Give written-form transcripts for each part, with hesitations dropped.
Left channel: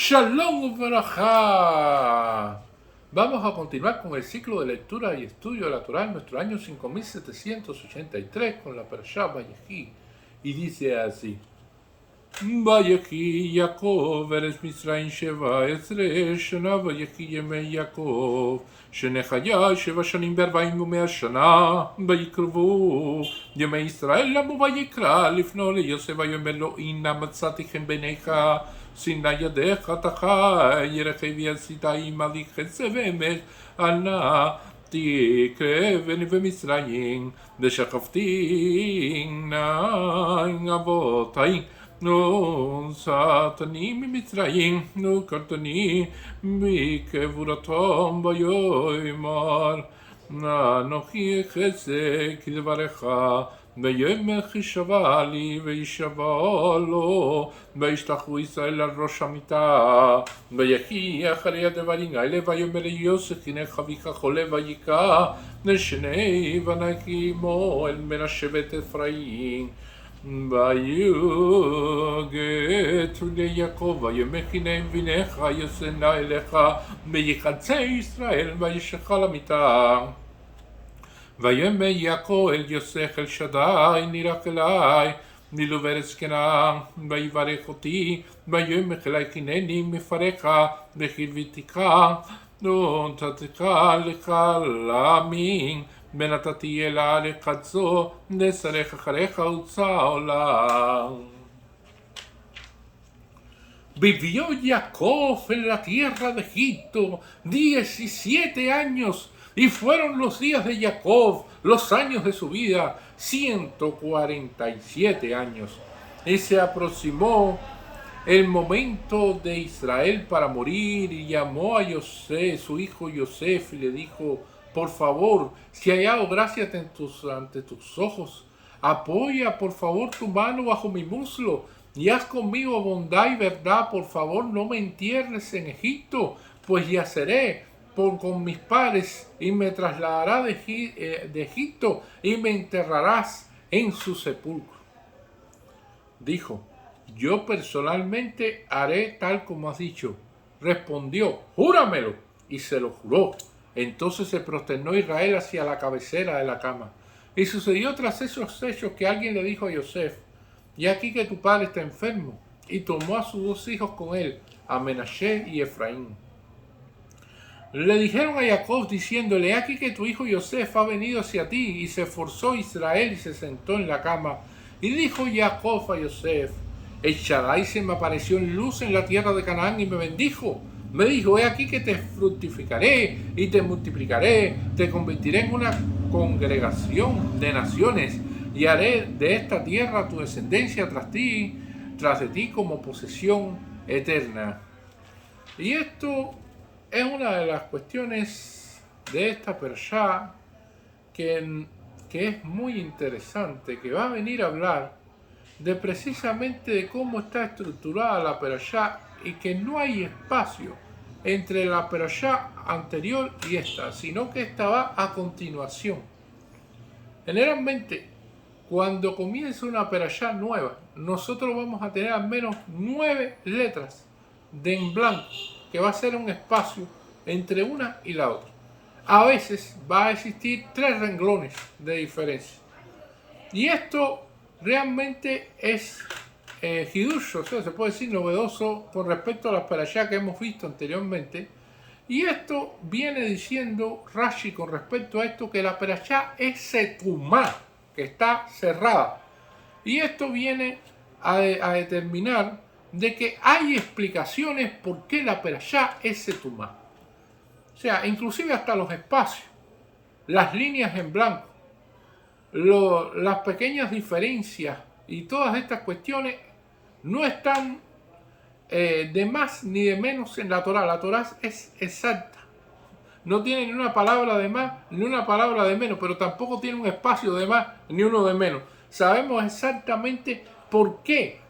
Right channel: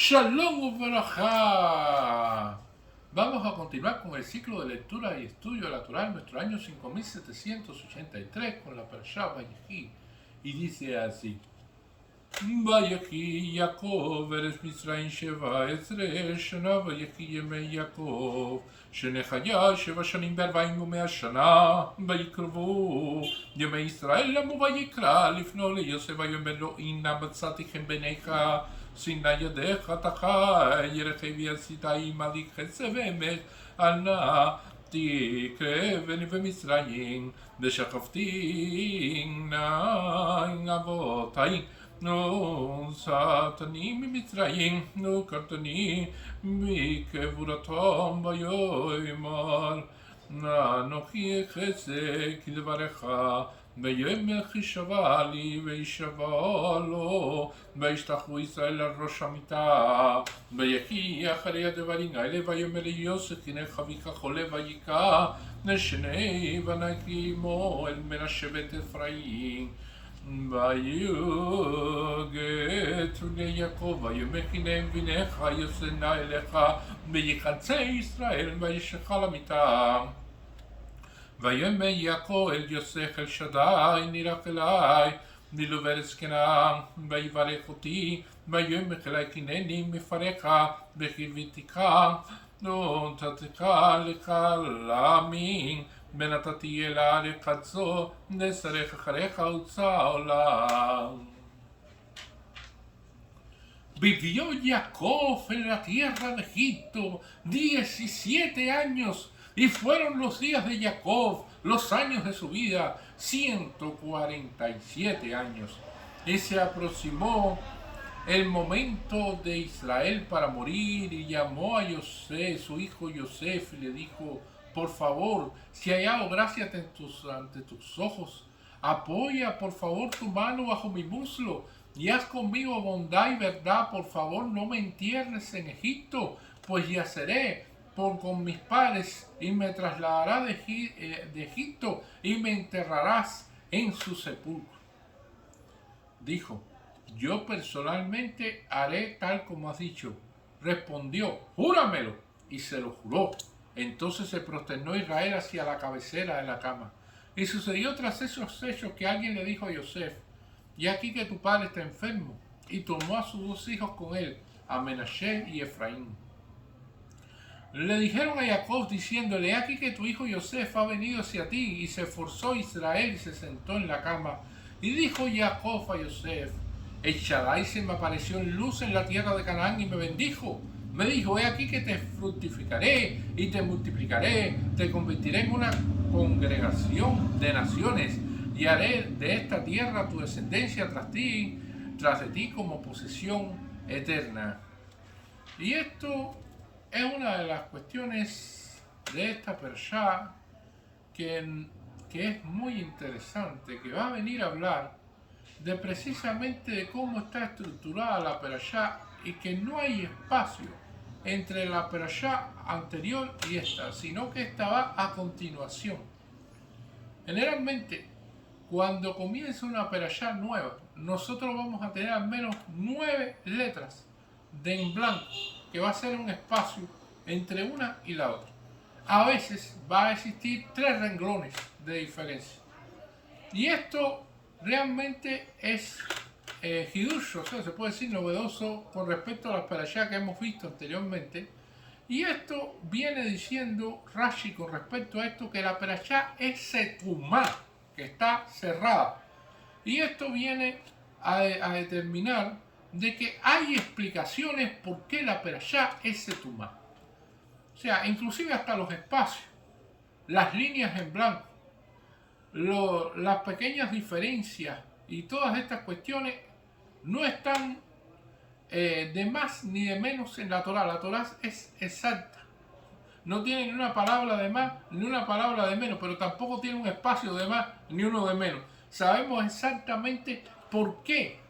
Shalom Barajá. Vamos a continuar con el ciclo de lectura y estudio de la Torá en nuestro año 5783 con la Parashá Vayechi. Y dice así: Vayechi Yaakov eres Misraim Sheva Ezre Shana Vayechi Yemei Yaakov שנחיה 7 שנים ו40 ומאה שנה ויקרבו ימי ישראל למו ויקרא לפנו ליוסף ויאמר לו הנה מצאתי חן בעיניך שנא ידיך אתה חי רכבי עשית עמלי חסד ואמת אל נא תקרבני במצרים ושכבתי נא אבותי נוסעתני ממצרים נוקרתני מקבורתם ויאמר אנוכי חזק כדברך ויאמר ישבע לי וישבע לו וישלחו ישראל על ראש המיטה ויחי אחרי הדברים האלה ויאמר יוסף הנה חביך חולה ויקע לשני בניך עמו אל בן השבט אפרים ויוגת ליעקב ויאמר הנה בניך ישנא אליך ויחצה ישראל וישלח למיטה ויאמר יעקב אל יוסף אל שדי נלך אלי נילו בארץ כנען ויברך אותי ויאמר אלי הנני מפרך וחיוויתך ונתתך לך לעמים ונתתי אל הארץ זו לשרך אחריך וצא עולם. Vivió Jacob en la tierra de Egipto 17 años y fueron los días de Jacob, los años de su vida, 147 años. Y se aproximó el momento de Israel para morir y llamó a Yosef, su hijo Yosef, y le dijo: por favor, si hay hallado gracia ante tus ojos, apoya por favor tu mano bajo mi muslo y haz conmigo bondad y verdad. Por favor, no me entierres en Egipto, pues yaceré con mis padres y me trasladará de Egipto y me enterrarás en su sepulcro. Dijo: yo personalmente haré tal como has dicho. Respondió: júramelo. Y se lo juró. Entonces se prosternó Israel hacia la cabecera de la cama. Y sucedió tras esos hechos que alguien le dijo a Yosef: y aquí que tu padre está enfermo. Y tomó a sus dos hijos con él, a Menashe y Efraín. Le dijeron a Jacob diciéndole: aquí que tu hijo Yosef ha venido hacia ti. Y se esforzó Israel y se sentó en la cama. Y dijo Jacob a Yosef: el Shaddai se me apareció en luz en la tierra de Canaán y me bendijo. Me dijo: he aquí que te fructificaré y te multiplicaré, te convertiré en una congregación de naciones y haré de esta tierra tu descendencia tras de ti como posesión eterna. Y esto es una de las cuestiones de esta Parashá que es muy interesante, que va a venir a hablar de precisamente de cómo está estructurada la Parashá y que no hay espacio entre la Parashá anterior y esta, sino que esta va a continuación. Generalmente, cuando comienza una Parashá nueva, nosotros vamos a tener al menos 9 letras en blanco, que va a ser un espacio entre una y la otra. A veces va a existir 3 renglones de diferencia. Y esto realmente es hidush, o sea, se puede decir novedoso con respecto a las parashá que hemos visto anteriormente. Y esto viene diciendo Rashi con respecto a esto, que la parashá es setumá, que está cerrada. Y esto viene a determinar de que hay explicaciones por qué la parashá es setumá. O sea, inclusive hasta los espacios, las líneas en blanco, las pequeñas diferencias y todas estas cuestiones no están de más ni de menos en la Torá. La Torá es exacta. No tiene ni una palabra de más ni una palabra de menos, pero tampoco tiene un espacio de más ni uno de menos. Sabemos exactamente por qué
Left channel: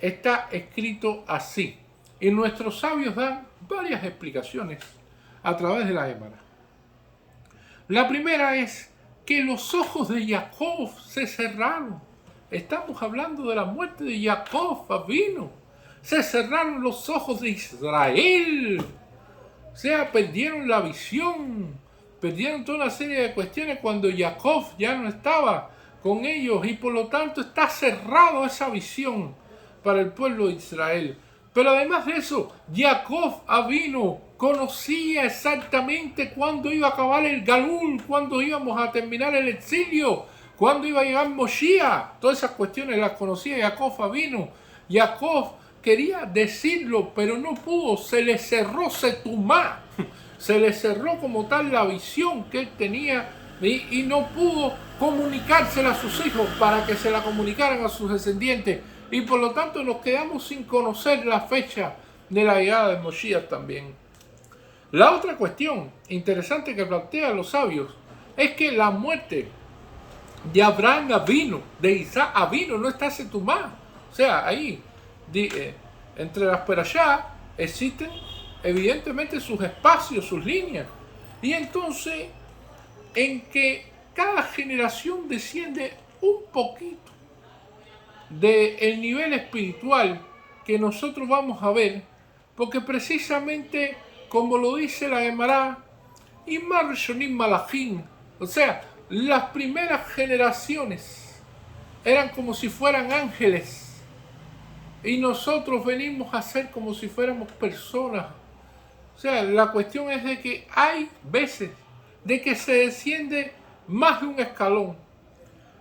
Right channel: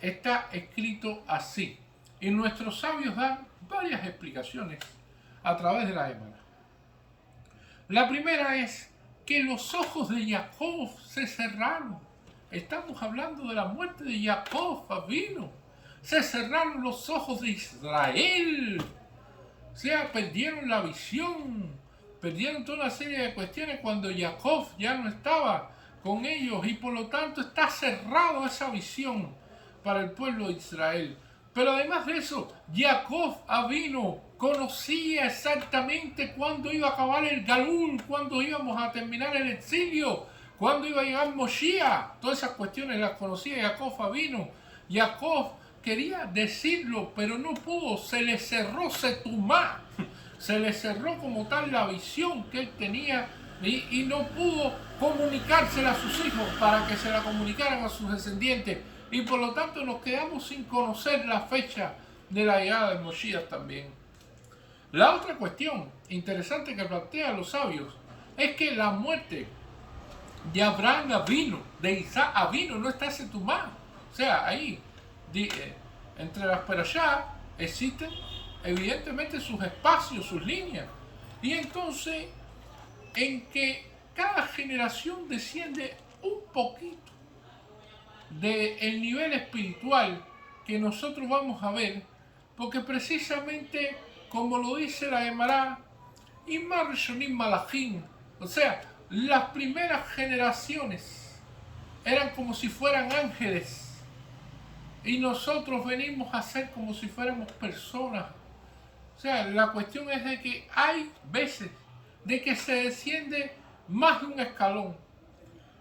está escrito así. Y nuestros sabios dan varias explicaciones a través de la Gemara. La primera es que los ojos de Jacob se cerraron. Estamos hablando de la muerte de Jacob Avinu. Se cerraron los ojos de Israel. O sea, perdieron la visión. Perdieron toda una serie de cuestiones cuando Jacob ya no estaba con ellos. Y por lo tanto está cerrado esa visión para el pueblo de Israel. Pero además de eso, Jacob Avinu conocía exactamente cuándo iba a acabar el Galul, cuándo íbamos a terminar el exilio, cuándo iba a llegar Moshiach. Todas esas cuestiones las conocía Jacob Avinu. Jacob quería decirlo, pero no pudo. Se le cerró Setumá. Se le cerró como tal la visión que él tenía y no pudo comunicársela a sus hijos para que se la comunicaran a sus descendientes. Y por lo tanto nos quedamos sin conocer la fecha de la llegada de Moshiach también. La otra cuestión interesante que plantean los sabios es que la muerte de Abraham Avinu, de Isaac Avinu, no está Setumá. O sea, ahí, entre las perashá, existen evidentemente sus espacios, sus líneas. Y entonces, en que cada generación desciende un poquito del nivel espiritual que nosotros vamos a ver, porque precisamente, como lo dice la Gemara, Imar Rishonim Malachim, o sea, las primeras generaciones eran como si fueran ángeles, y nosotros venimos a ser como si fuéramos personas. O sea, la cuestión es de que hay veces de que se desciende más de un escalón.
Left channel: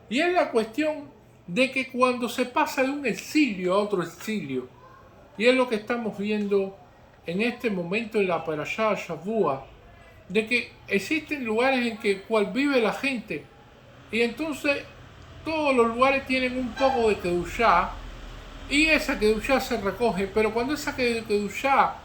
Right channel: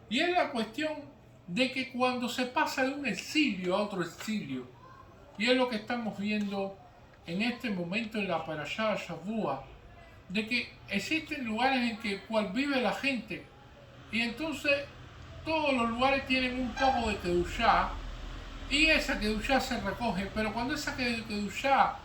Y es la cuestión de que cuando se pasa de un exilio a otro exilio, y es lo que estamos viendo en este momento en la Parashá Shavua, de que existen lugares en que cual vive la gente, y entonces todos los lugares tienen un poco de Kedushá, y esa Kedushá se recoge, pero cuando esa Kedushá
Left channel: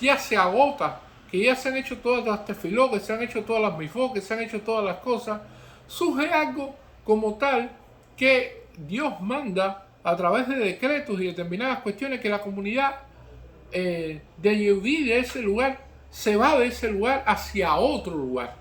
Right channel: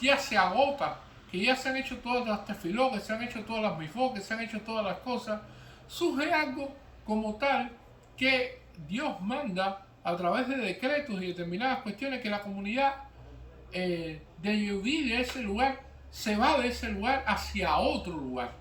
ya se agota, que ya se han hecho todas las tefilot, que se han hecho todas las mifot, que se han hecho todas las cosas, surge algo como tal que Dios manda a través de decretos y determinadas cuestiones que la comunidad de Yehudí de ese lugar se va de ese lugar hacia otro lugar.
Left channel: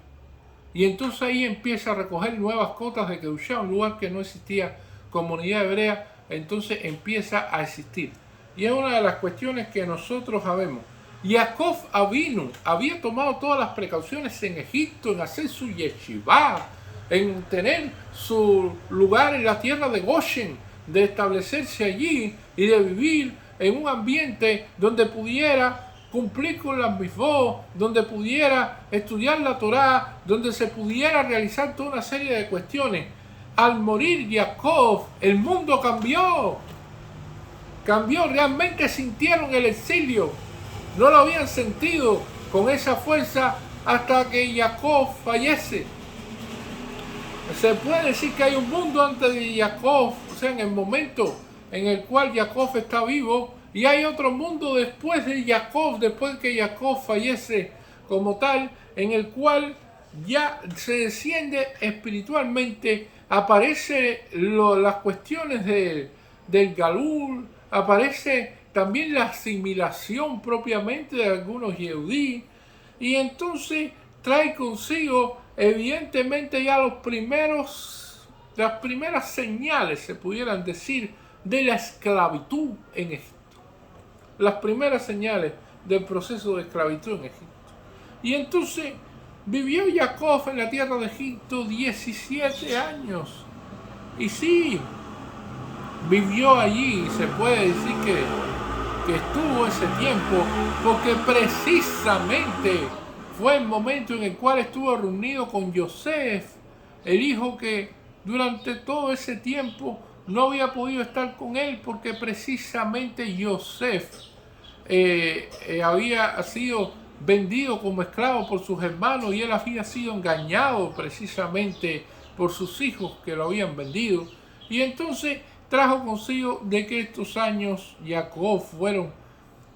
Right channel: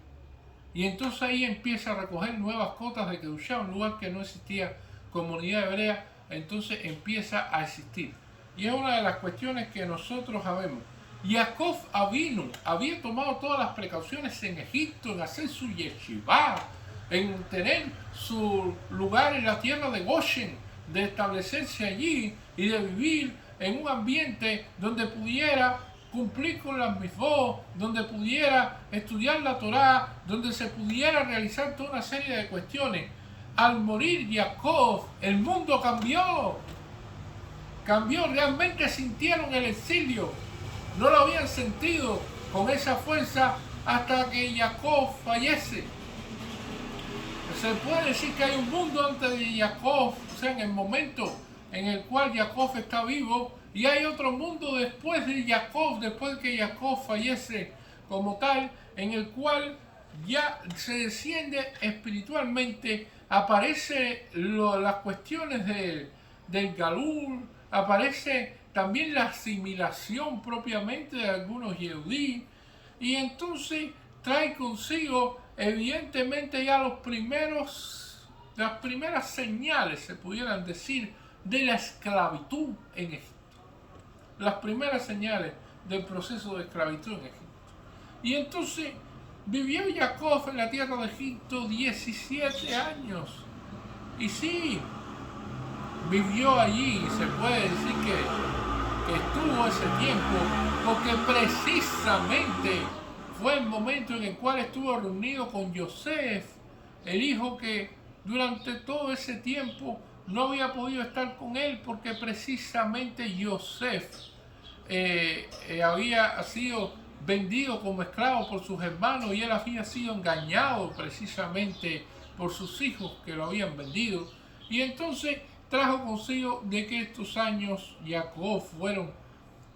Y entonces ahí empieza a recoger nuevas cotas de Kedushá, un lugar que no existía comunidad hebrea, entonces empieza a existir. Y es una de las cuestiones que nosotros sabemos. Jacob Avinu había tomado todas las precauciones en Egipto, en hacer su yeshivá, en tener su lugar en la tierra de Goshen, de establecerse allí y de vivir en un ambiente donde pudiera cumplir con las mifot, donde pudiera estudiar la Torá, donde se pudiera realizar toda una serie de cuestiones. Al morir Jacob, el mundo cambió. Cambió, realmente sintieron el exilio. No lo habían sentido con esa fuerza hasta que Jacob fallece. Se puede decir que hay un mundo antes de Jacob, o sea, en el momento en el cual Jacob está vivo, y hay otro mundo después de Jacob, después que Jacob fallece como tal, en el cual ya se desciende espiritualmente, aparece las cuestiones del Galul, aparece también la asimilación propiamente de algunos Yehudí, y entonces trae consigo evidentemente ya las primeras señales, se pudieran decir, de la esclavitud en Egipto. Las primeras señales del proceso de esclavitud en Egipto. Y entonces vivió Jacob en la tierra de Egipto 17 años. Y sí, vivió allí, se puede decir que estuvo ese tiempo, porque precisamente fue el momento en el cual estuvo reunido con Yosef, el hijo que durante todo ese tiempo no había podido estar con él, porque precisamente Yosef había sido vendido como esclavo por sus hermanos y él había sido engañado precisamente por sus hijos que lo habían vendido. Y entonces trajo consigo de que estos años Jacob fueron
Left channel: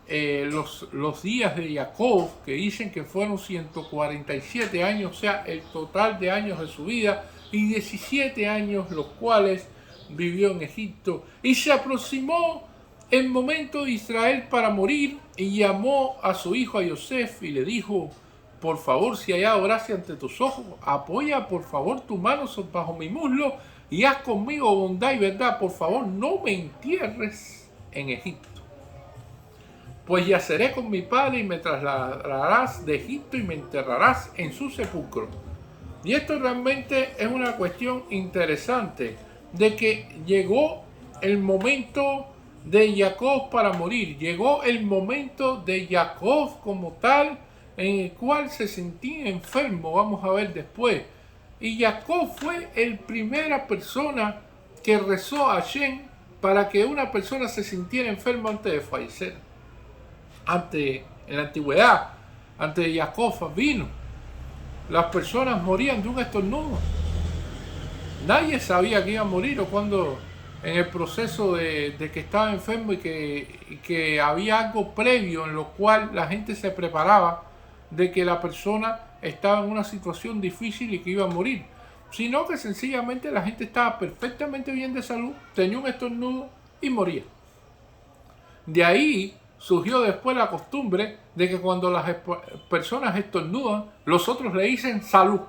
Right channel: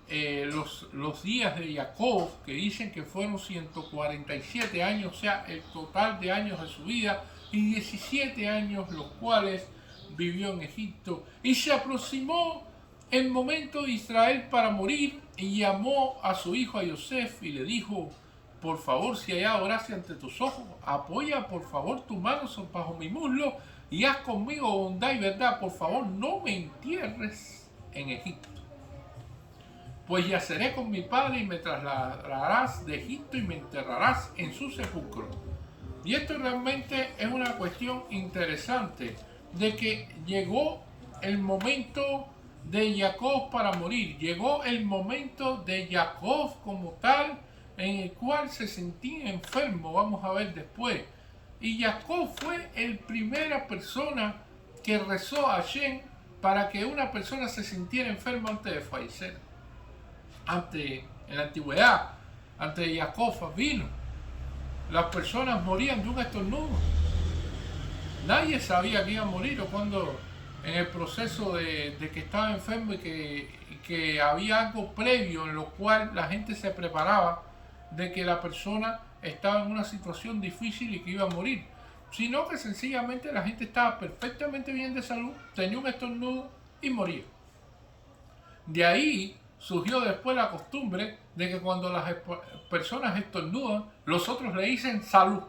los días de Jacob, que dicen que fueron 147 años, o sea, el total de años de su vida, y 17 años los cuales vivió en Egipto. Y se aproximó el momento de Israel para morir y llamó a su hijo a Yosef y le dijo: por favor, si hay gracia ante tus ojos, apoya por favor tu mano bajo mi muslo y haz conmigo bondad y verdad. Por favor, no me entierres en Egipto. pues yaceré con mi padre y me trasladarás de Egipto y me enterrarás en su sepulcro. Y esto realmente es una cuestión interesante, de que llegó el momento de Jacob para morir, llegó el momento de Jacob como tal, en el cual se sentía enfermo, vamos a ver después. Y Jacob fue la primera persona que rezó a Hashem para que una persona se sintiera enferma antes de fallecer. En la antigüedad, antes de Jacob vino, las personas morían de un estornudo. Nadie sabía que iba a morir o cuando en el proceso de que estaba enfermo y que había algo previo en lo cual la gente se preparaba de que la persona estaba en una situación difícil y que iba a morir, sino que sencillamente la gente estaba perfectamente bien de salud, tenía un estornudo y moría. De ahí surgió después la costumbre de que cuando las personas estornudan, los otros le dicen salud,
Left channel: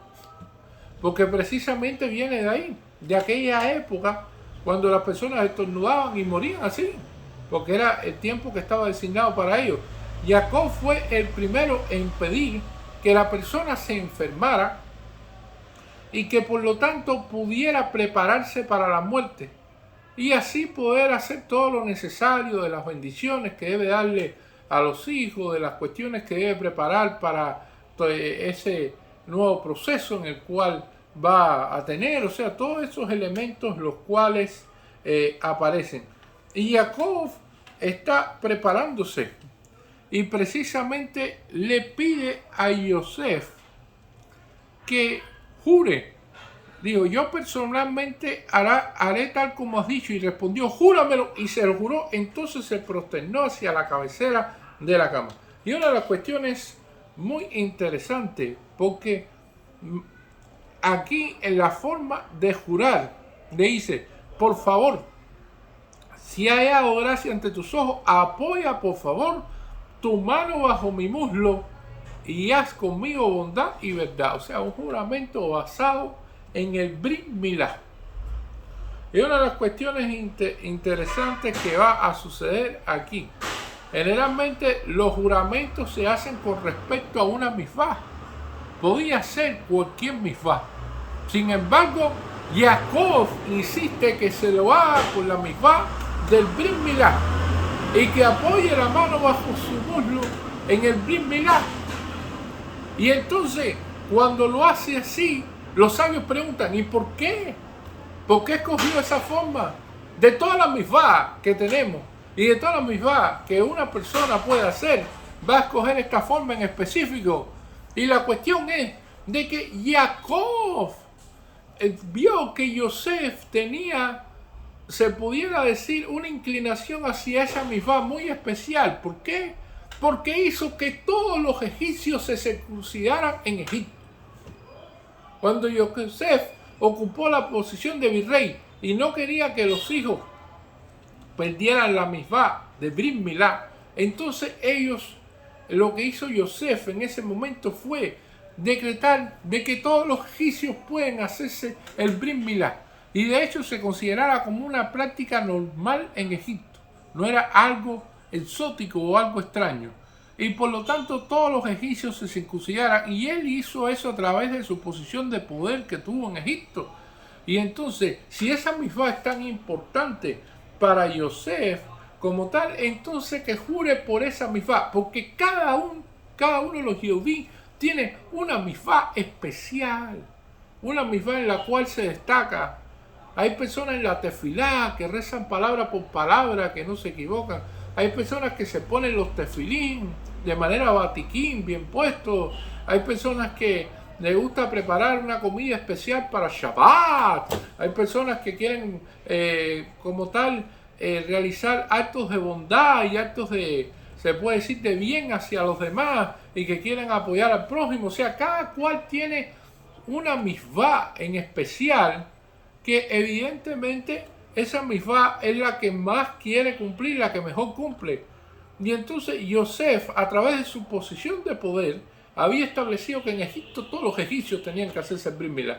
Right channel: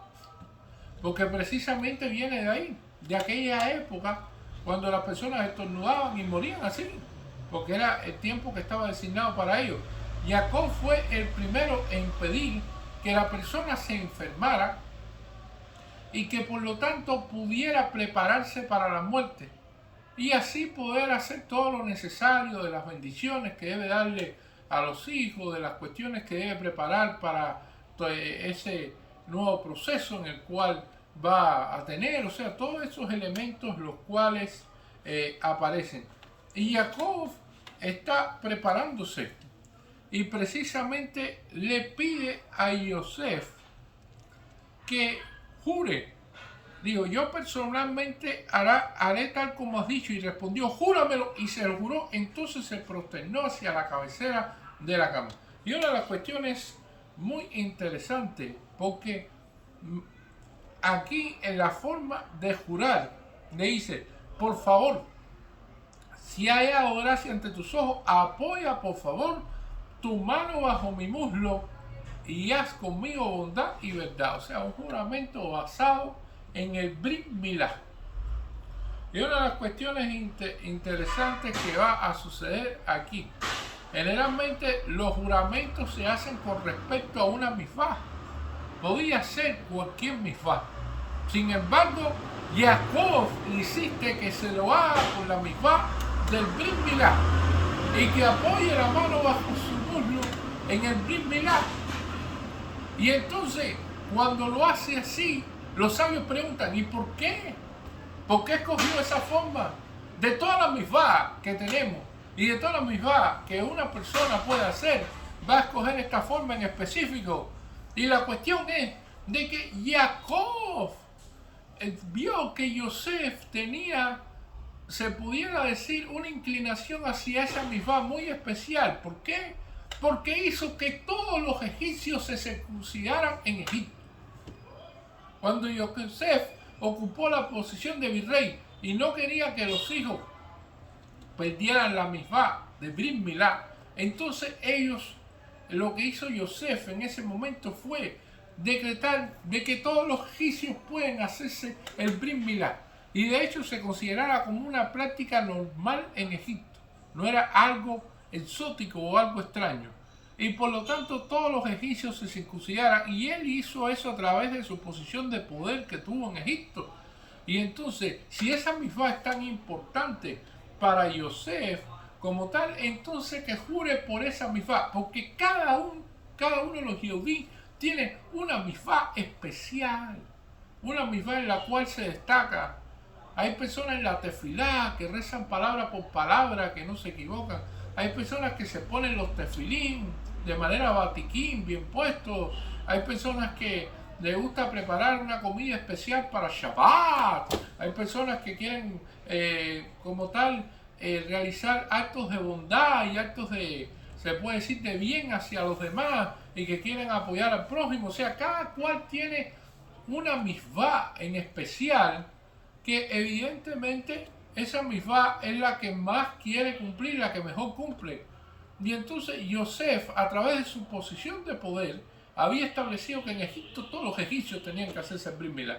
porque precisamente viene de ahí, de aquella época cuando las personas estornudaban y morían así, porque era el tiempo que estaba designado para ellos. Jacob fue el primero en pedir que la persona se enfermara y que por lo tanto pudiera prepararse para la muerte y así poder hacer todo lo necesario de las bendiciones que debe darle a los hijos, de las cuestiones que debe preparar para ese nuevo proceso en el cual va a tener, o sea, todos esos elementos los cuales aparecen. Y Jacob está preparándose y precisamente le pide a Yosef que jure. Dijo, yo personalmente haré tal como has dicho. Y respondió, júramelo. Y se lo juró. Entonces se prosternó hacia la cabecera de la cama. Y una de las cuestiones muy interesantes, porque aquí en la forma de jurar, le dice, por favor, si hay hallado gracia ante tus ojos, apoya por favor tu mano bajo mi muslo y haz conmigo bondad y verdad. O sea, un juramento basado en el Brit Milá. Y una de las cuestiones interesantes que va a suceder aquí. Generalmente los juramentos se hacen con respecto a una misvá. Podía ser cualquier misvá. Sin embargo, Jacob insiste que se lo haga con la misvá del Brit Milá y que apoye la mano bajo su muslo en el Brit Milá. Y entonces, cuando lo hace así, los sabios preguntan, ¿y por qué? ¿Por qué escogió esa forma? De todas las misvá que tenemos y de todas las misvá que una persona puede hacer, va a escoger esta forma en específico. Y la cuestión es de que Jacob vio que Yosef tenía, se pudiera decir, una inclinación hacia esa misvá muy especial. ¿Por qué? Porque hizo que todos los egipcios se circuncidaran en Egipto. Cuando Yosef ocupó la posición de virrey y no quería que los hijos perdieran la misvá de Brit Milá, entonces lo que hizo Yosef en ese momento fue decretar de que todos los egipcios pueden hacerse el Brit Milá. Y de hecho se consideraba como una práctica normal en Egipto. No era algo exótico o algo extraño. Y por lo tanto todos los egipcios se circuncidaran, y él hizo eso a través de su posición de poder que tuvo en Egipto. Y entonces, si esa misvá es tan importante para Yosef como tal, entonces que jure por esa misvá, porque cada uno de los Yehudí tiene una misvá especial, una misvá en la cual se destaca. Hay personas en la tefilá que rezan palabra por palabra, que no se equivocan. Hay personas que se ponen los tefilín de manera batiquín, bien puestos. Hay personas que les gusta preparar una comida especial para Shabbat. Hay personas que quieren, como tal, realizar actos de bondad y actos de, se puede decir, de bien hacia los demás y que quieren apoyar al prójimo. O sea, cada cual tiene una misvá en especial que evidentemente esa misvá es la que más quiere cumplir, la que mejor cumple. Y entonces Yosef, a través de su posición de poder, había establecido que en Egipto todos los egipcios tenían que hacerse el Brit Milá.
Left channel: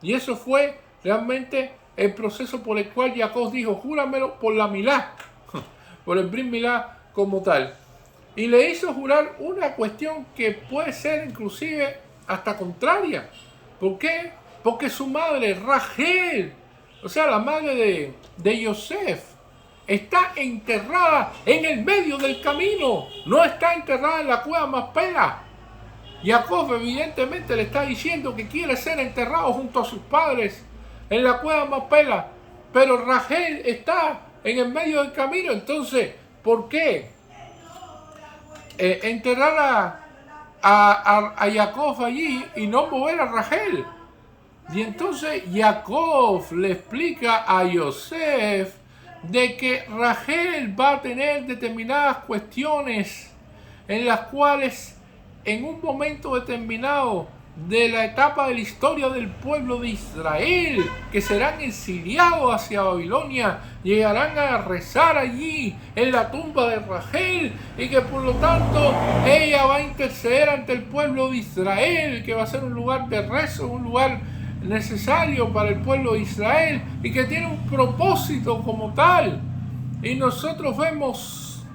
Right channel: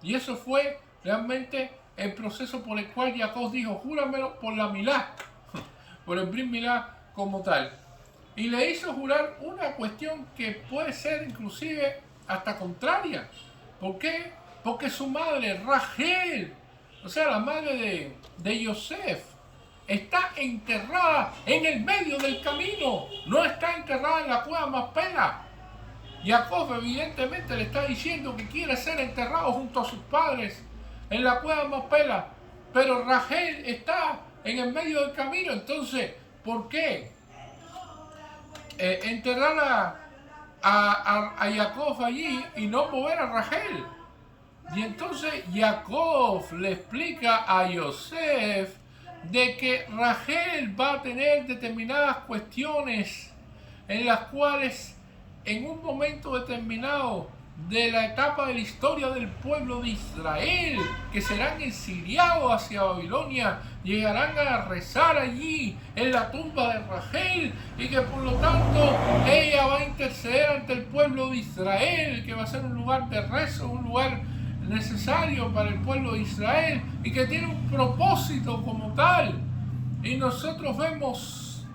Y eso fue realmente el proceso por el cual Jacob dijo, júramelo por la Milá, por el Brit Milá como tal. y le hizo jurar una cuestión que puede ser inclusive hasta contraria. ¿Por qué? Porque su madre, Rachel, o sea, la madre de Yosef, está enterrada en el medio del camino, no está enterrada en la cueva Macpela. Jacob evidentemente le está diciendo que quiere ser enterrado junto a sus padres en la cueva Macpela, pero Rachel está en el medio del camino. Entonces, ¿por qué enterrar a Jacob allí y no mover a Rachel? Y entonces Jacob le explica a Yosef de que Rachel va a tener determinadas cuestiones en las cuales en un momento determinado de la etapa de la historia del pueblo de Israel, que serán exiliados hacia Babilonia, llegarán a rezar allí en la tumba de Rachel, y que por lo tanto ella va a interceder ante el pueblo de Israel, que va a ser un lugar de rezo, un lugar necesario para el pueblo de Israel, y que tiene un propósito como tal. Y nosotros vemos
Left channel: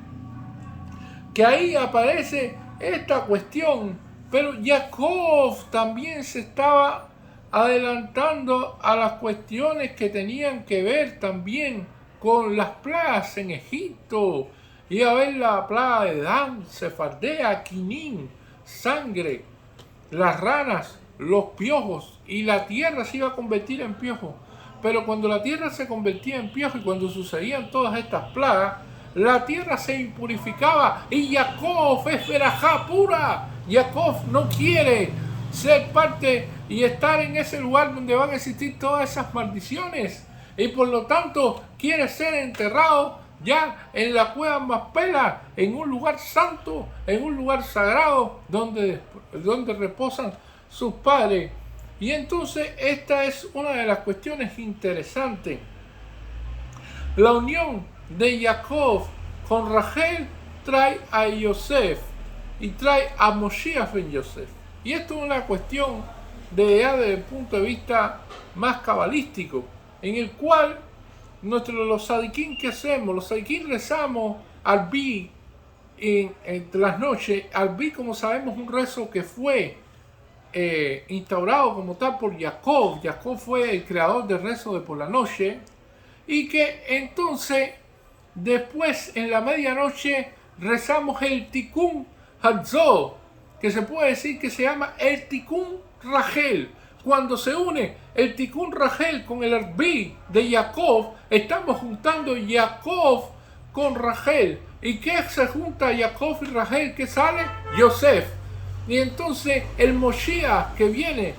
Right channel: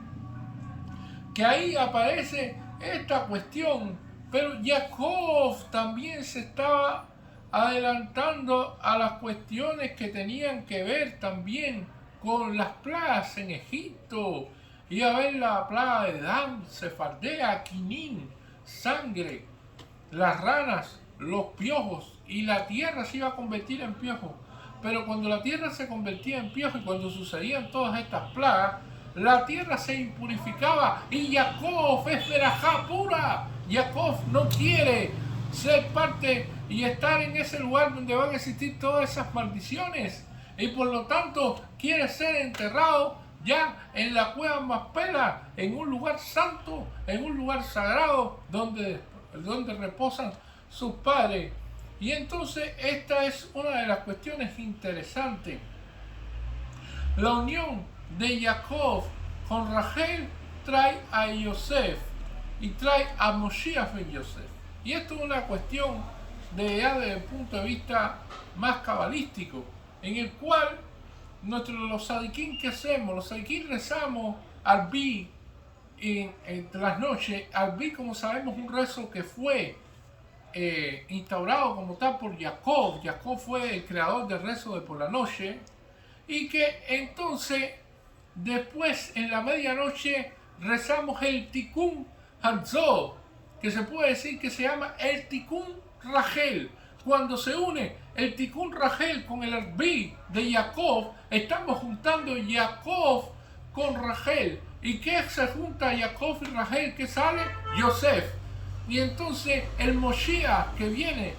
que ahí aparece esta cuestión, pero Jacob también se estaba adelantando a las cuestiones que tenían que ver también con las plagas en Egipto. Iba a haber la plaga de Dan, Cefardea, Quinín, sangre, las ranas, los piojos, y la tierra se iba a convertir en piojo. Pero cuando la tierra se convertía en piojo y cuando sucedían todas estas plagas, la tierra se impurificaba y Jacob es verajá pura. Jacob no quiere ser parte y estar en ese lugar donde van a existir todas esas maldiciones, y por lo tanto quiere ser enterrado ya en la cueva Macpela, en un lugar santo, en un lugar sagrado donde reposan sus padres. Y entonces esta es una de las cuestiones interesantes. La unión de Jacob con Rachel trae a Yosef y trae a Moshiach ben Yosef. Y esto es una cuestión desde el punto de vista más cabalístico, en el cual los sadiquín, ¿qué hacemos? Los sadiquín rezamos al Bi entre las noches. Al Bi, como sabemos, un rezo que fue instaurado como tal por Jacob. Jacob fue el creador del rezo de por la noche, y que entonces después en la medianoche rezamos el Tikkun Hatzor, que se puede decir que se llama el Tikkun Rachel. Cuando se une el Tikkun Rachel con el Arbi de Jacob, estamos juntando Jacob con Rachel. ¿Y qué se junta Jacob y Rachel? ¿Qué sale? Yosef. Y entonces el Moshiach que viene,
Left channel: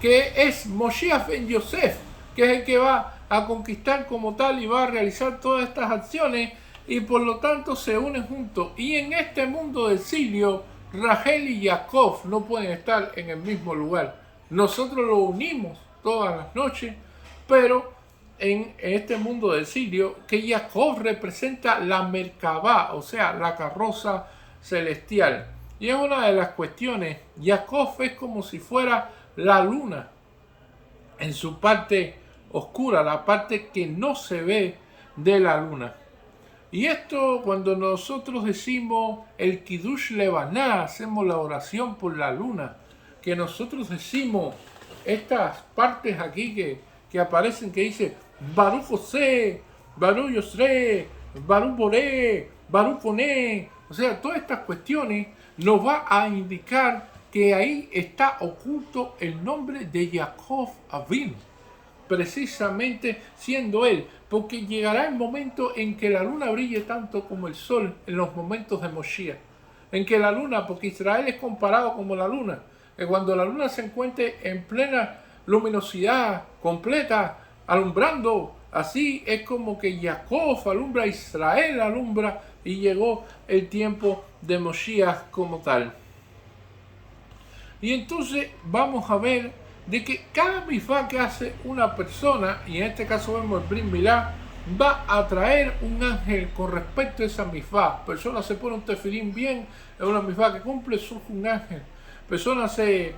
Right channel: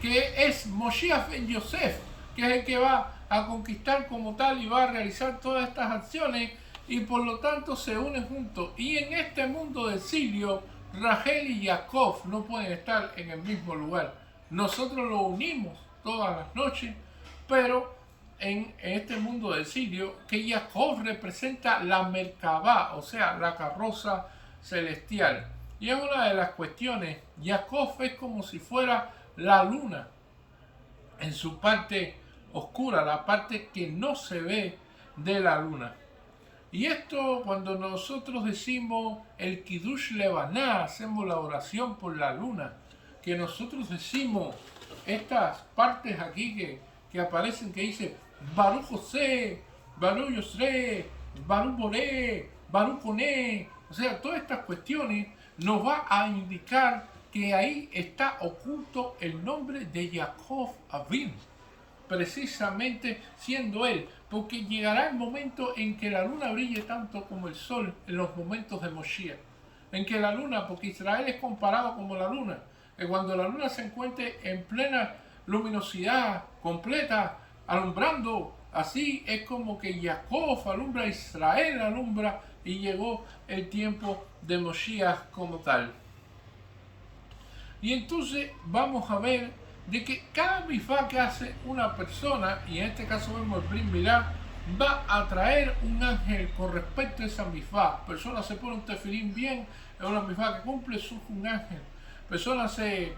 que es Moshiach ben Yosef, que es el que va a conquistar como tal y va a realizar todas estas acciones, y por lo tanto se unen juntos. Y en este mundo de exilio, Rachel y Jacob no pueden estar en el mismo lugar. Nosotros lo unimos todas las noches, pero en este mundo de exilio, que Jacob representa la Merkabah, o sea, la carroza celestial. Y es una de las cuestiones. Jacob es como si fuera la luna en su parte oscura, la parte que no se ve de la luna. Y esto, cuando nosotros decimos el Kiddush Levaná, hacemos la oración por la luna, que nosotros decimos estas partes aquí que aparecen, que dice Baruch José, Baruch Yosre, Baruch Boré, Baruch Koné, o sea, todas estas cuestiones nos va a indicar que ahí está oculto el nombre de Jacob Avinu, precisamente siendo él, porque llegará el momento en que la luna brille tanto como el sol en los momentos de Moshiach, en que la luna, porque Israel es comparado como la luna, que cuando la luna se encuentre en plena luminosidad completa, alumbrando, así es como que Jacob alumbra, Israel alumbra, y llegó el tiempo de Moshiach como tal. Y entonces vamos a ver de que cada mifá que hace una persona, y en este caso vemos el Brit Milá, va a traer un ángel con respecto a esa mifá. Persona se pone un tefilín bien, es una mifá que cumple, surge un ángel. Persona tiene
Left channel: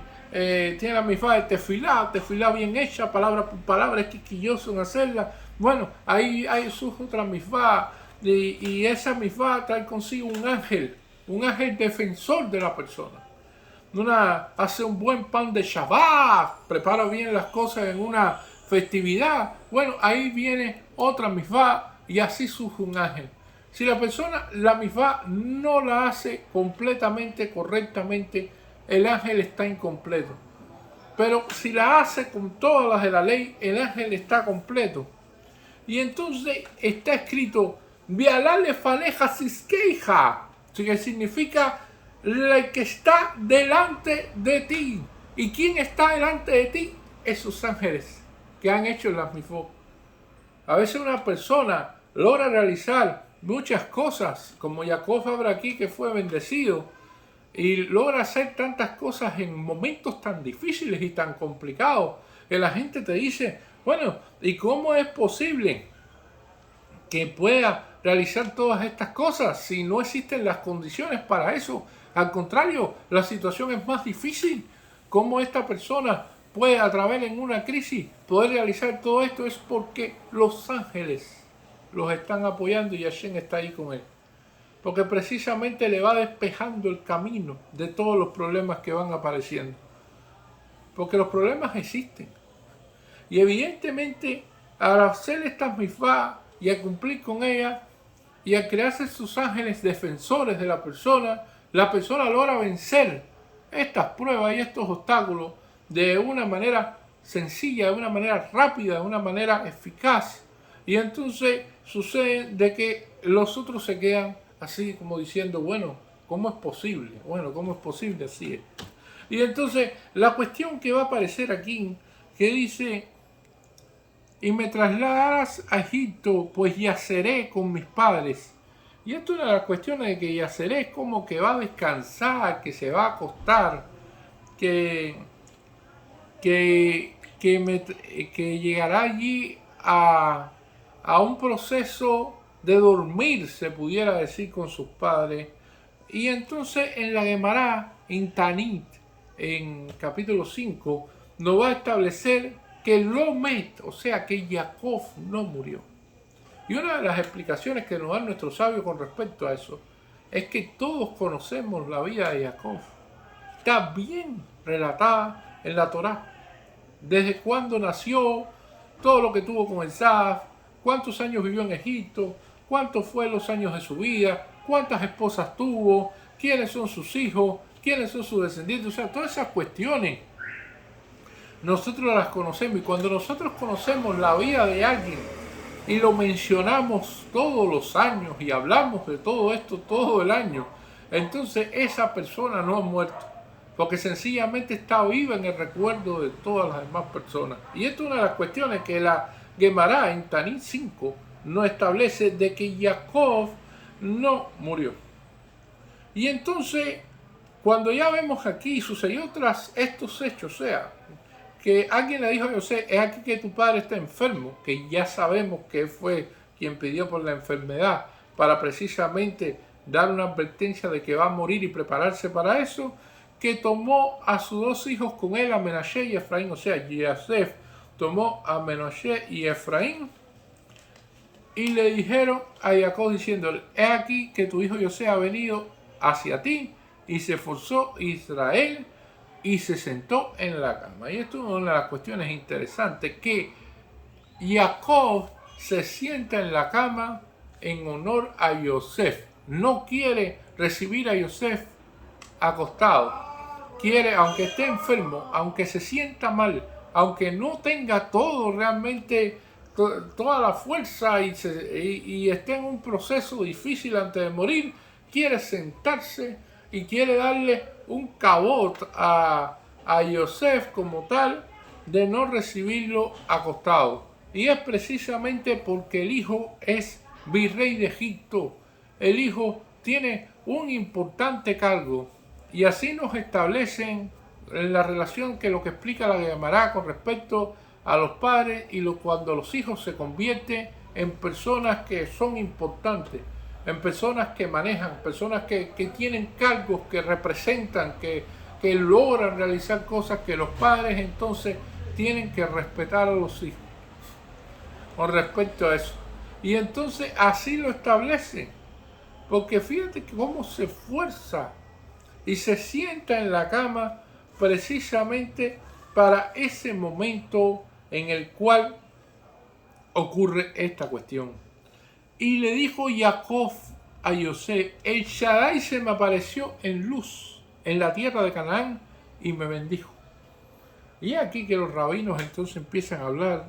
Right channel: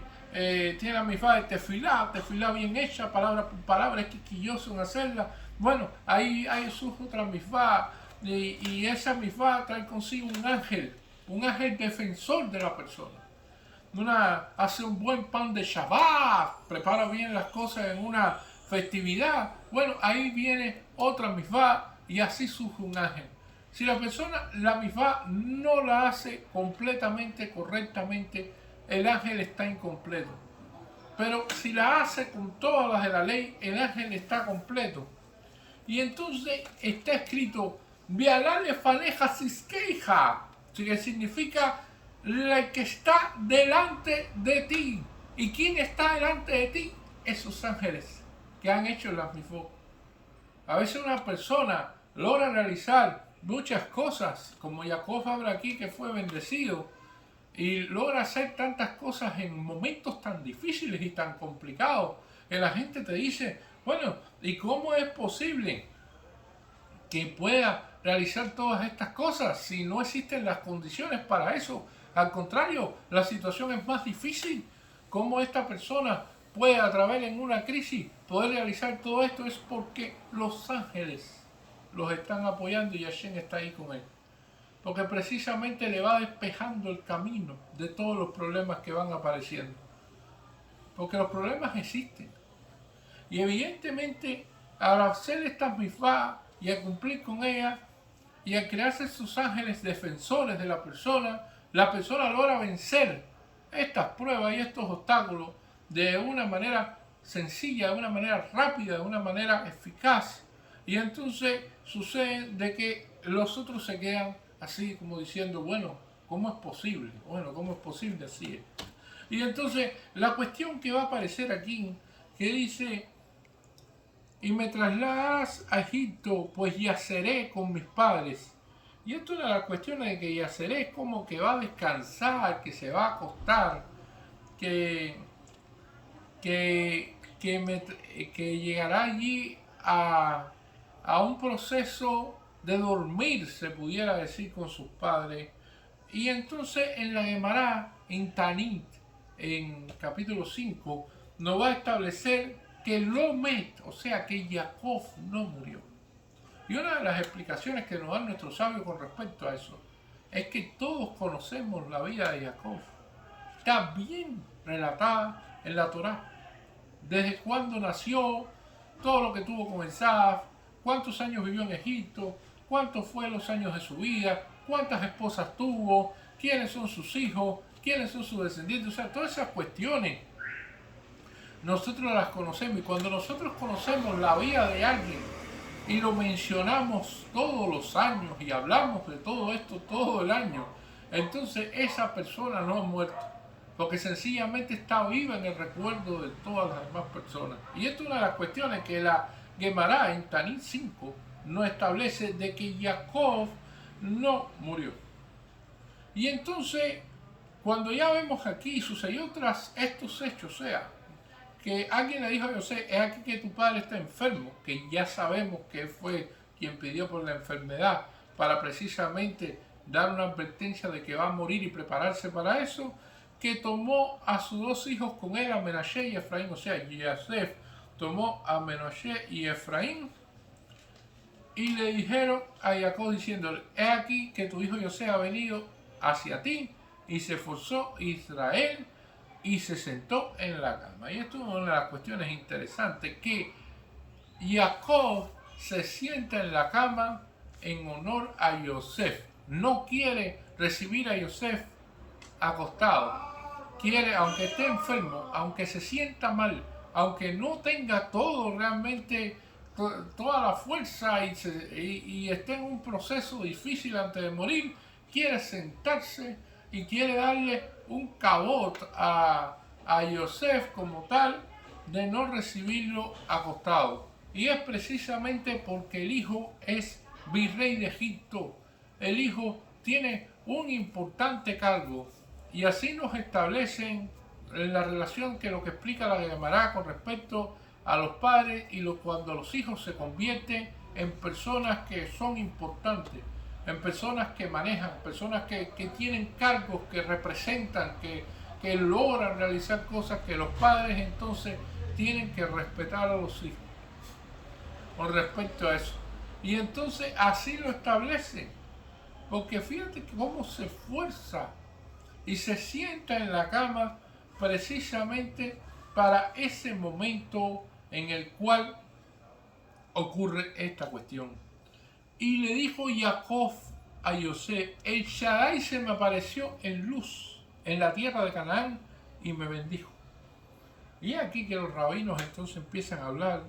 la mifá de tefilá bien hecha, palabra por palabra, es quisquilloso en hacerla. Bueno, ahí surge otra mifá, y esa mifá trae consigo un un ángel defensor de la persona. Hace un buen pan de Shabbat, prepara bien las cosas en una festividad. Bueno, ahí viene otra misvá y así surge un ángel. Si la persona la misvá no la hace completamente, correctamente, el ángel está incompleto. Pero si la hace con todas las de la ley, el ángel está completo. Y entonces está escrito, Vialale faleja siskeija, que significa el que está delante de ti. ¿Y quién está delante de ti? Esos ángeles que han hecho las misvot. A veces una persona logra realizar muchas cosas, como Jacob habla aquí, que fue bendecido, y logra hacer tantas cosas en momentos tan difíciles y tan complicados, que la gente te dice, bueno, ¿y cómo es posible que pueda realizar todas estas cosas si no existen las condiciones para eso? Al contrario, la situación es más difícil. ¿Cómo esta persona puede a través en una crisis poder realizar todo esto? Es porque los ángeles los están apoyando y Hashem está ahí con él. Porque precisamente le va despejando el camino de todos los problemas que van apareciendo. Porque los problemas existen. Y evidentemente, al hacer estas misvá y a cumplir con ella, y a crearse sus ángeles defensores de la persona logra vencer estas pruebas y estos obstáculos de una manera sencilla, de una manera rápida, de una manera eficaz. Y entonces sucede de que los otros se quedan así como diciendo, bueno, ¿cómo es posible? Bueno, ¿cómo es posible? Así es. Y entonces la cuestión que va a aparecer aquí, que dice, y me trasladas a Egipto, pues yaceré con mis padres. Y esto es una de las cuestiones de que yaceré es como que va a descansar, que se va a acostar, que llegará allí a un proceso de dormir, se pudiera decir, con sus padres. Y entonces en la Gemara, en Tanit, en capítulo 5, nos va a establecer que Lomet, o sea que Jacob no murió. Y una de las explicaciones que nos dan nuestros sabios con respecto a eso es que todos conocemos la vida de Jacob. Está bien relatada en la Torá. Desde cuándo nació, todo lo que tuvo con Esaú, cuántos años vivió en Egipto, cuántos fueron los años de su vida, cuántas esposas tuvo, quiénes son sus hijos, quiénes son sus descendientes. O sea, todas esas cuestiones nosotros las conocemos. Y cuando nosotros conocemos la vida de alguien y lo mencionamos todos los años y hablamos de todo esto todo el año, entonces esa persona no ha muerto, porque sencillamente está viva en el recuerdo de todas las demás personas. Y esto es una de las cuestiones que la Gemara en Tanit 5 nos establece, de que Jacob no murió. Y entonces, cuando ya vemos aquí, sucedió tras estos hechos, o sea, que alguien le dijo a José, es aquí que tu padre está enfermo, que ya sabemos que fue quien pidió por la enfermedad, para precisamente dar una advertencia de que va a morir y prepararse para eso, que tomó a sus dos hijos con él, a Menashe y Efraín, o sea, Yosef tomó a Menashe y Efraín, y le dijeron a Jacob diciéndole, he aquí que tu hijo José ha venido hacia ti, y se esforzó Israel, y se sentó en la cama. Y esto es una de las cuestiones interesantes, que Jacob se sienta en la cama en honor a Yosef. No quiere recibir a Yosef acostado. Quiere, aunque esté enfermo, aunque se sienta mal, aunque no tenga todo realmente, toda la fuerza y esté en un proceso difícil antes de morir, quiere sentarse y quiere darle un cabot a Yosef como tal, de no recibirlo acostado. Y es precisamente porque el hijo es virrey de Egipto. El hijo tiene un importante cargo. Y así nos establecen en la relación que lo que explica la Gemara con respecto a los padres y cuando los hijos se convierten en personas que son importantes, en personas que manejan, personas que tienen cargos, que representan, que logran realizar cosas, que los padres entonces tienen que respetar a los hijos con respecto a eso. Y entonces así lo establecen. Porque fíjate cómo se esfuerza y se sienta en la cama precisamente para ese momento en el cual ocurre esta cuestión. Y le dijo Jacob a José: el Shaddai se me apareció en luz en la tierra de Canaán y me bendijo. Y aquí que los rabinos entonces empiezan a hablar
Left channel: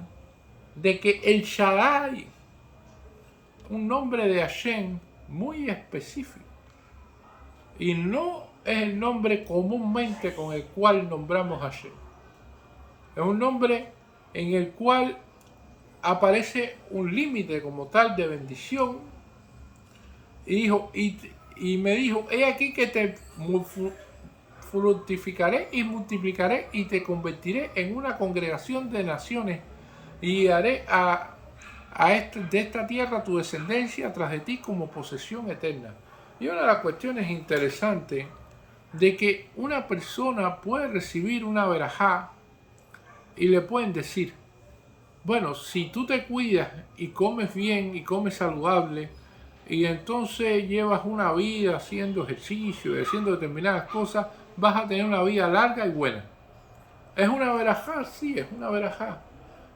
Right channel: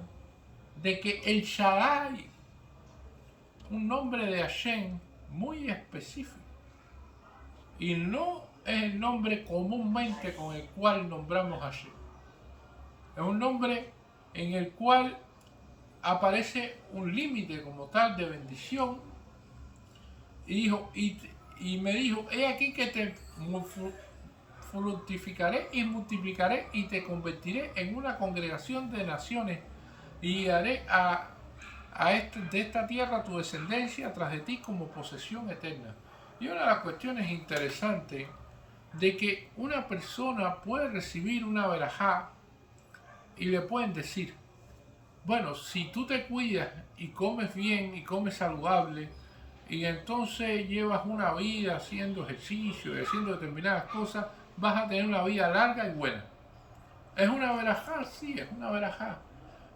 de que el Shaddai, un nombre de Hashem muy específico, y no es el nombre comúnmente con el cual nombramos a Hashem. Es un nombre en el cual aparece un límite como tal de bendición. Y dijo, y me dijo: he aquí que te fructificaré y multiplicaré y te convertiré en una congregación de naciones y haré de esta tierra tu descendencia tras de ti como posesión eterna. Y una de las cuestiones interesantes de que una persona puede recibir una verajá y le pueden decir: bueno, si tú te cuidas y comes bien y comes saludable y entonces llevas una vida haciendo ejercicio y haciendo determinadas cosas, vas a tener una vida larga y buena. ¿Es una verajá? Sí, es una verajá,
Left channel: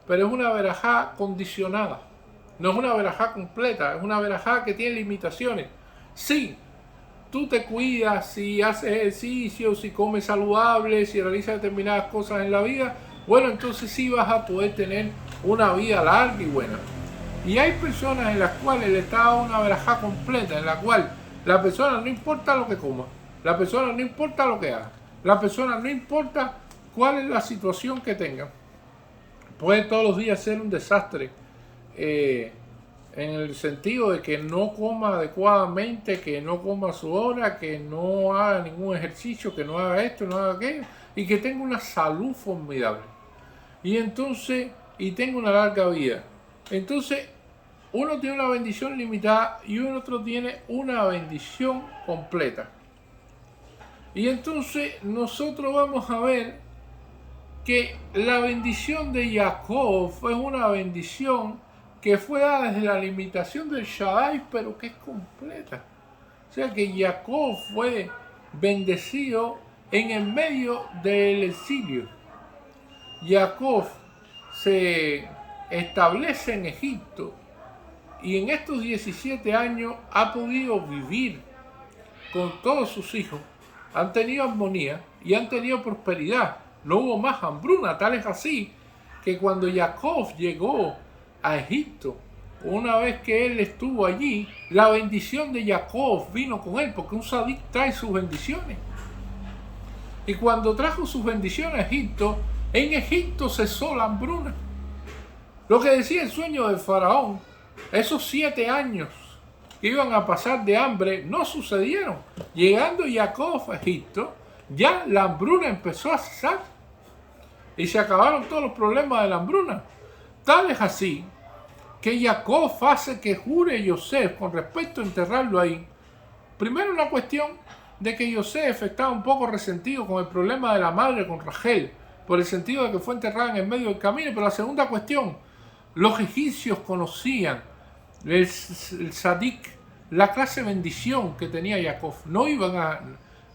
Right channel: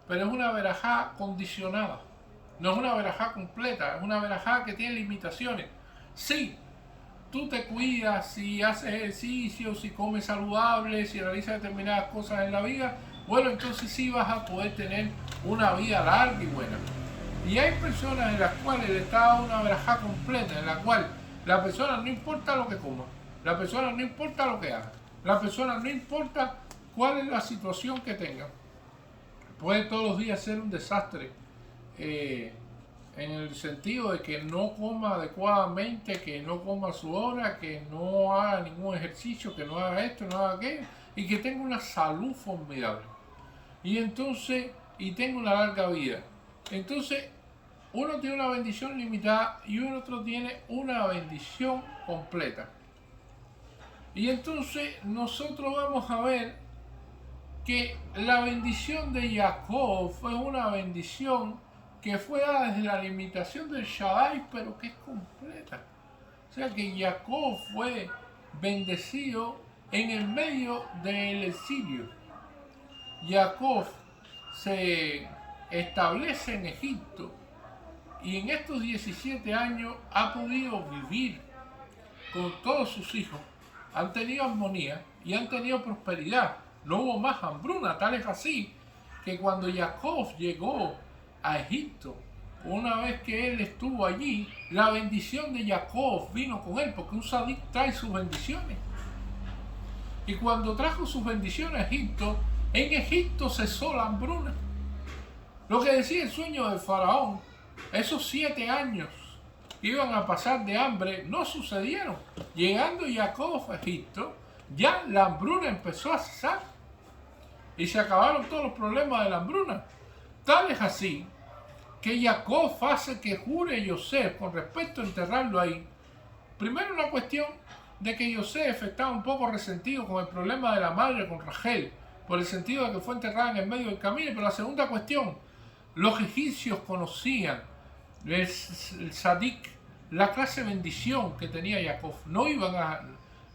pero es una verajá condicionada. No es una verajá completa, es una verajá que tiene limitaciones. Sí, tú te cuidas, si haces ejercicio, si comes saludable, si realizas determinadas cosas en la vida, bueno, entonces sí vas a poder tener una vida larga y buena. Y hay personas en las cuales le está dando una verajá completa, en la cual la persona no importa lo que coma, la persona no importa lo que haga, la persona no importa cuál es la situación que tenga, puede todos los días ser un desastre, en el sentido de que no coma adecuadamente, que no coma a su hora, que no haga ningún ejercicio, que no haga esto, no haga aquello, y que tenga una salud formidable. Y entonces, y tenga una larga vida. Entonces, uno tiene una bendición limitada y otro tiene una bendición completa. Y entonces nosotros vamos a ver que la bendición de Jacob fue una bendición que fue dada desde la limitación del Shaddai, pero que es completa. O sea que Jacob fue bendecido en el medio del exilio. Jacob se establece en Egipto y en estos 17 años ha podido vivir con todos sus hijos. Han tenido armonía y han tenido prosperidad. No hubo más hambruna, tal es así que cuando Jacob llegó a Egipto, una vez que él estuvo allí, la bendición de Jacob vino con él, porque un sadik trae sus bendiciones. Y cuando trajo sus bendiciones a Egipto, en Egipto cesó la hambruna. Lo que decía el sueño del faraón, esos 7 años que iban a pasar de hambre, no sucedieron. Llegando Jacob a Egipto, ya la hambruna empezó a cesar. Y se acabaron todos los problemas de la hambruna. Tal es así que Jacob hace que jure Yosef con respecto a enterrarlo ahí. Primero, una cuestión de que Yosef estaba un poco resentido con el problema de la madre con Rachel, por el sentido de que fue enterrada en el medio del camino. Pero la segunda cuestión, los egipcios conocían el sadik, la clase de bendición que tenía Jacob. No iban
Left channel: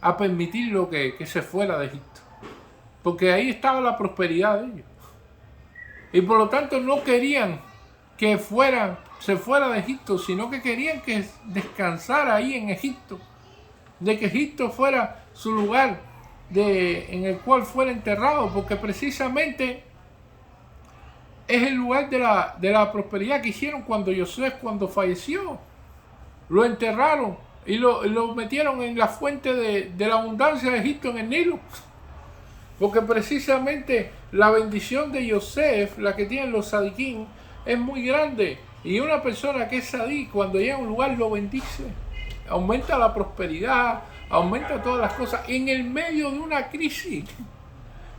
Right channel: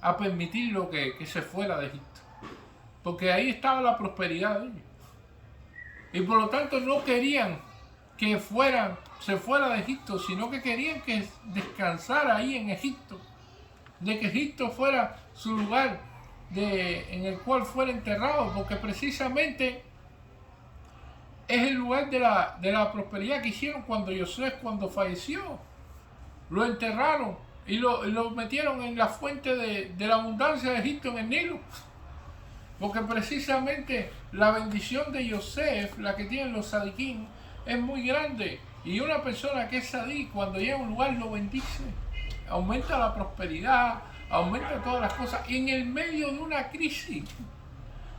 a permitirlo que se fuera de Egipto, porque ahí estaba la prosperidad de ellos. Y por lo tanto no querían que se fuera de Egipto, sino que querían que descansara ahí en Egipto, de que Egipto fuera su lugar en el cual fuera enterrado, porque precisamente es el lugar de la prosperidad que hicieron cuando Yosef, cuando falleció, lo enterraron y lo metieron en la fuente de la abundancia de Egipto, en el Nilo. Porque precisamente la bendición de Yosef, la que tienen los sadiquín, es muy grande. Y una persona que es sadí, cuando llega a un lugar lo bendice. Aumenta la prosperidad, aumenta todas las cosas. En el medio de una crisis,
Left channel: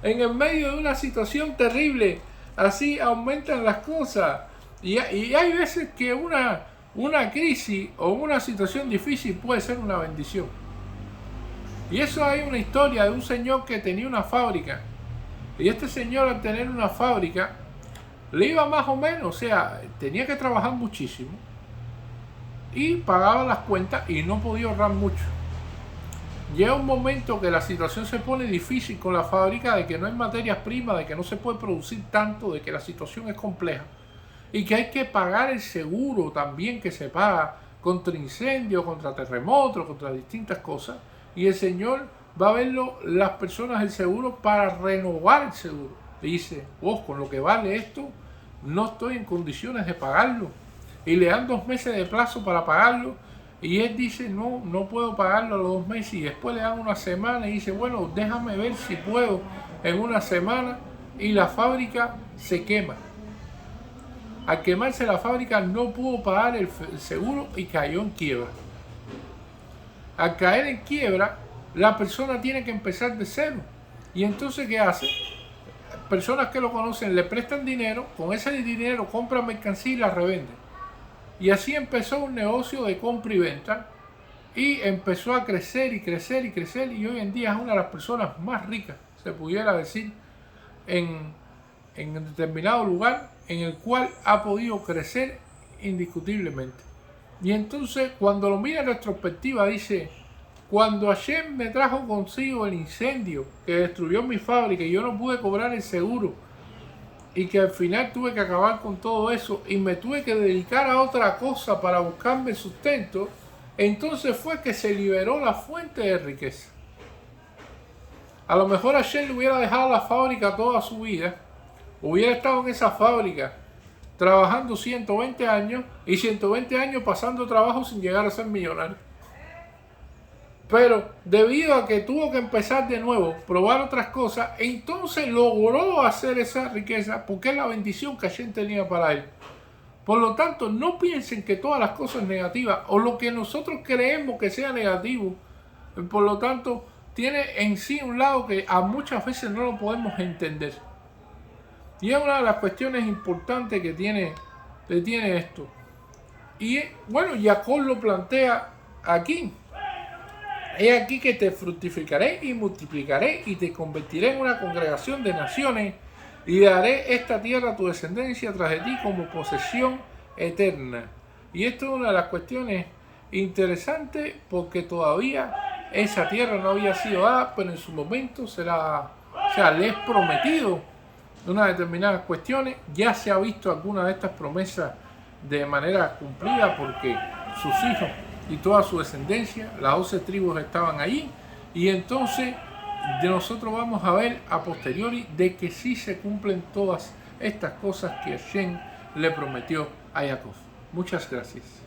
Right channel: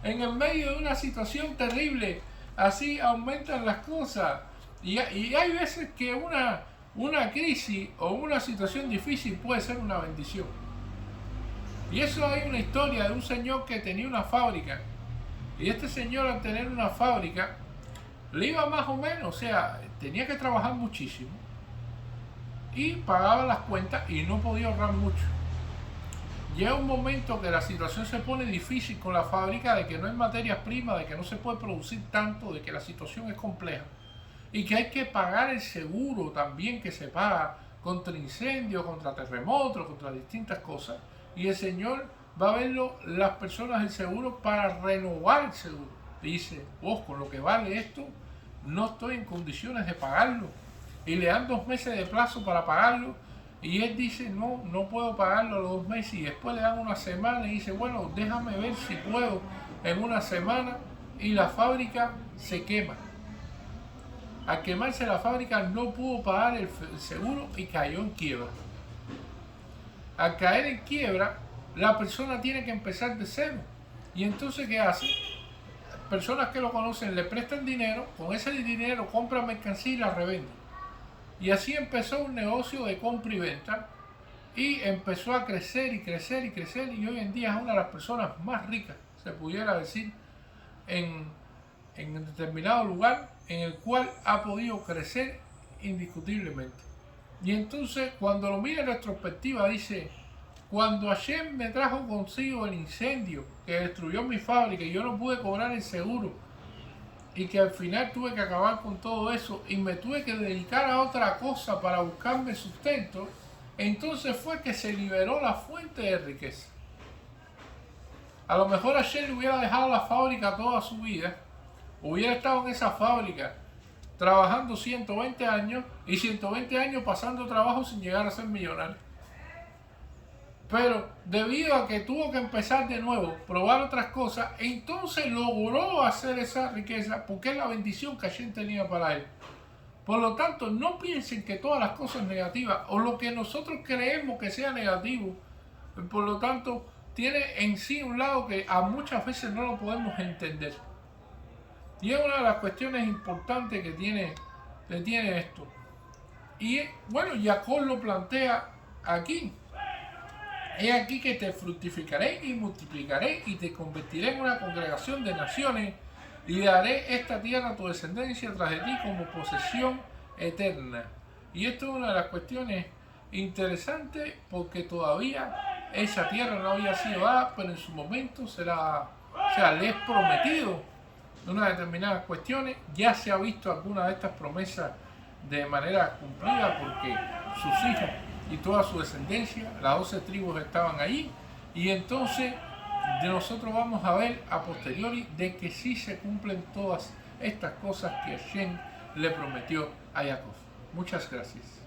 en el medio de una situación terrible, así aumentan las cosas. Y hay veces que una crisis o una situación difícil puede ser una bendición. Y eso, hay una historia de un señor que tenía una fábrica. Y este señor, al tener una fábrica, le iba más o menos, o sea, tenía que trabajar muchísimo. y pagaba las cuentas y no podía ahorrar mucho. Llega un momento que la situación se pone difícil con la fábrica, de que no hay materias primas, de que no se puede producir tanto, de que la situación es compleja y que hay que pagar el seguro también que se paga contra incendios, contra terremotos, contra distintas cosas. Y el señor va a verlo las personas del seguro para renovar el seguro. Y dice, vos, con lo que vale esto, no estoy en condiciones de pagarlo. Y le dan 2 meses de plazo para pagarlo. Y él dice, no, no puedo pagarlo a los 2 meses. Y después le dan una semana y dice, bueno, déjame ver si puedo en una semana. Y la fábrica se quema. Al quemarse la fábrica no pudo pagar el seguro y cayó en quiebra. Al caer en quiebra, la persona tiene que empezar de cero. Y entonces, ¿qué hace? Personas que lo conocen le prestan dinero, con ese dinero compran mercancía y la revenden. Y así empezó un negocio de compra y venta y empezó a crecer y crecer y crecer, y hoy en día es una de las personas más ricas, se pudiera decir, en determinado lugar en el cual ha podido crecer indiscutiblemente. Y entonces, cuando lo mira en retrospectiva, dice, cuando Hashem me trajo consigo el incendio que destruyó mi fábrica y yo no pude cobrar el seguro, y que al final tuve que acabar con todo eso y me tuve que dedicar a otra cosa para buscarme sustento, entonces fue que se liberó la fuente de riqueza. A lo mejor Hashem le hubiera dejado la fábrica toda su vida, hubiera estado en esa fábrica trabajando 120 años y 120 años pasando trabajo sin llegar a ser millonario. Pero debido a que tuvo que empezar de nuevo, probar otras cosas, entonces logró hacer esa riqueza porque es la bendición que Hashem tenía para él. Por lo tanto, no piensen que todas las cosas negativas o lo que nosotros creemos que sea negativo, por lo tanto, tiene en sí un lado que a muchas veces no lo podemos entender. Y es una de las cuestiones importantes que tiene esto. Y bueno, Jacob lo plantea aquí. He aquí que te fructificaré y multiplicaré y te convertiré en una congregación de naciones y daré esta tierra a tu descendencia tras de ti como posesión eterna. Y esto es una de las cuestiones interesantes porque todavía esa tierra no había sido dada, pero en su momento será, o sea, le es prometido unas determinadas cuestiones. Ya se ha visto alguna de estas promesas de manera cumplida porque sus hijos y toda su descendencia, las 12 tribus estaban allí, y entonces de nosotros vamos a ver a posteriori de que sí se cumplen todas estas cosas que Hashem le prometió a Jacob. Muchas gracias.